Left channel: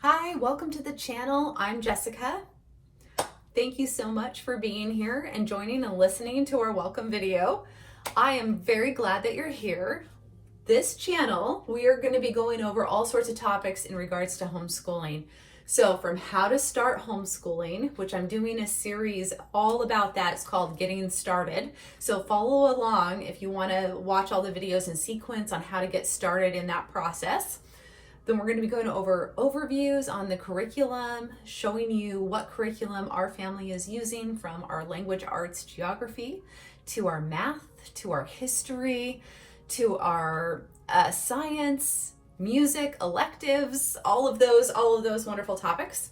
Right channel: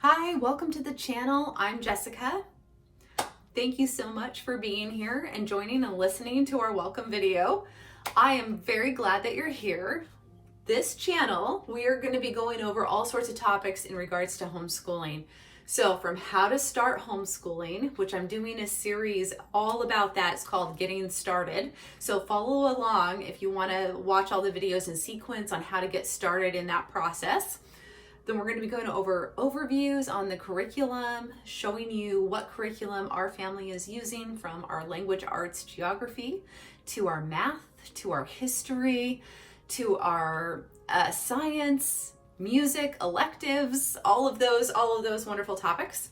Hi, welcome to the channel. I'm Jessica. Thank you so much for being here and joining and listening to our welcome video. I am very glad that you're here. This channel, we are going to be going over all sorts of topics in regards to homeschooling. So from how to start homeschooling, which I'm doing a series all about that. It's called Getting Started. So follow along if you want to watch all the videos in sequence on how to get started in that process. Then we're going to be going over overviews on the curriculum, showing you what curriculum our family is using, from our language arts geography to our math, to our history, to our science, music, electives, all of those wonderful topics.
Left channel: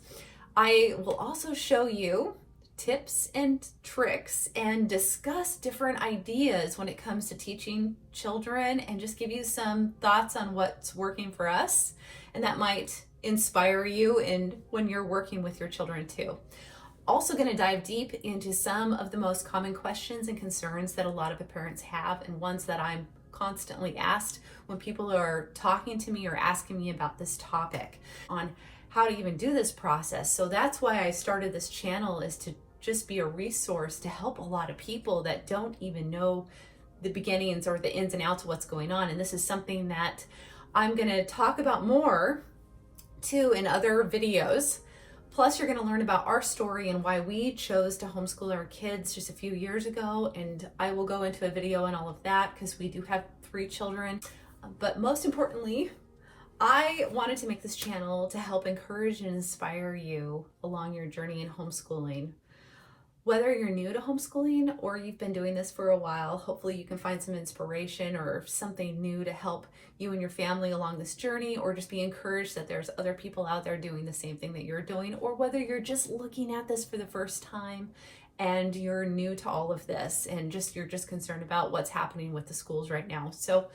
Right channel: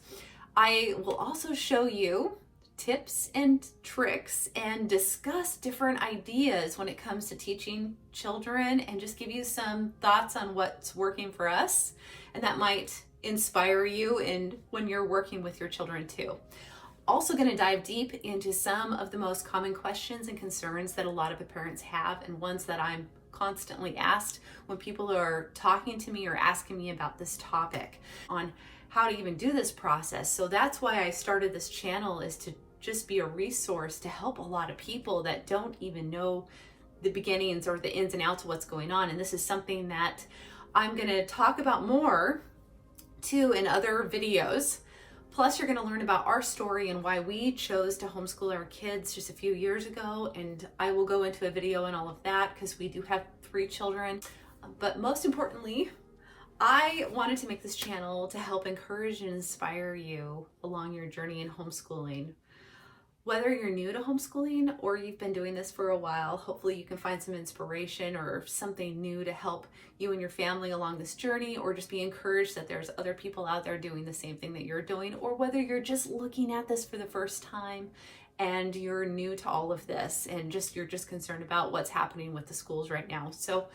I will also show you tips and tricks and discuss different ideas when it comes to teaching children, and just give you some thoughts on what's working for us, and that might inspire you in when you're working with your children too. Also going to dive deep into some of the most common questions and concerns that a lot of the parents have, and ones that I'm constantly asked when people are talking to me or asking me about this topic on how to even do this process. So that's why I started this channel, is to just be a resource to help a lot of people that don't even know the beginnings or the ins and outs of what's going on. And this is something that I'm going to talk about more too in other videos. Plus, you're going to learn about our story and why we chose to homeschool our kids just a few years ago. And I will go into a video on all of that because we do have 3 children. But most importantly, I wanted to make this channel to help encourage and inspire you along your journey in homeschooling. Whether you're new to homeschooling or you've been doing this for a while, hopefully you can find some inspiration or something new to help you and your family along this journey, or just be encouraged that there's other people out there doing the same thing that you're doing, or whether you're just looking at this for the first time and you're new to all of this and you're just concerned about what's happening with the schools right now. So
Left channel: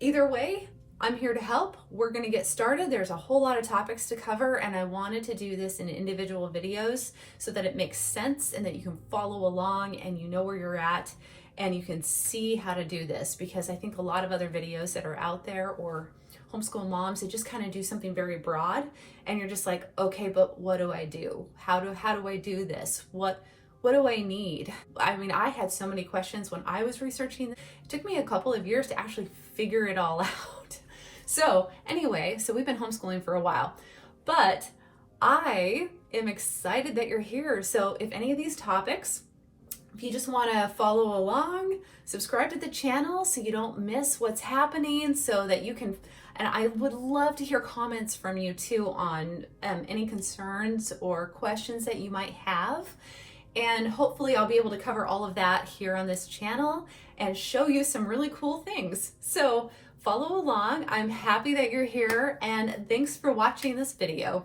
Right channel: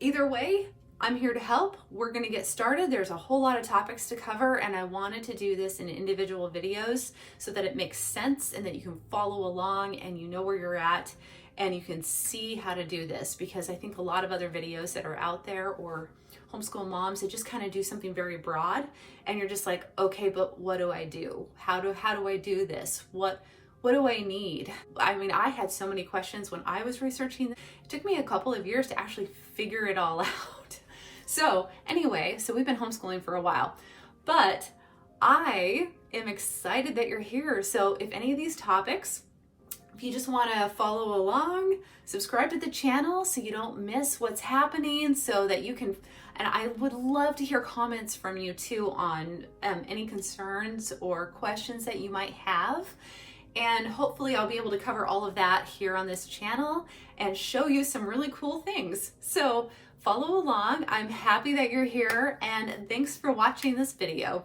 either way, I'm here to help. We're going to get started. There's a whole lot of topics to cover, and I wanted to do this in individual videos so that it makes sense and that you can follow along and you know where you're at and you can see how to do this. Because I think a lot of other videos that are out there, or homeschool moms, they just kind of do something very broad, and you're just like, okay, but what do I do? How do I do this? What do I need? I mean, I had so many questions when I was researching. It took me a couple of years to actually figure it all out. So anyway, we've been homeschooling for a while, but I am excited that you're here. So if any of these topics, if you just want to follow along, subscribe to the channel so you don't miss what's happening, so that you can, and I would love to hear comments from you too on any concerns or questions that you might have. And hopefully I'll be able to cover all of that here on this channel and show you some really cool things. So follow along. I'm happy that you're here, and thanks for watching this video.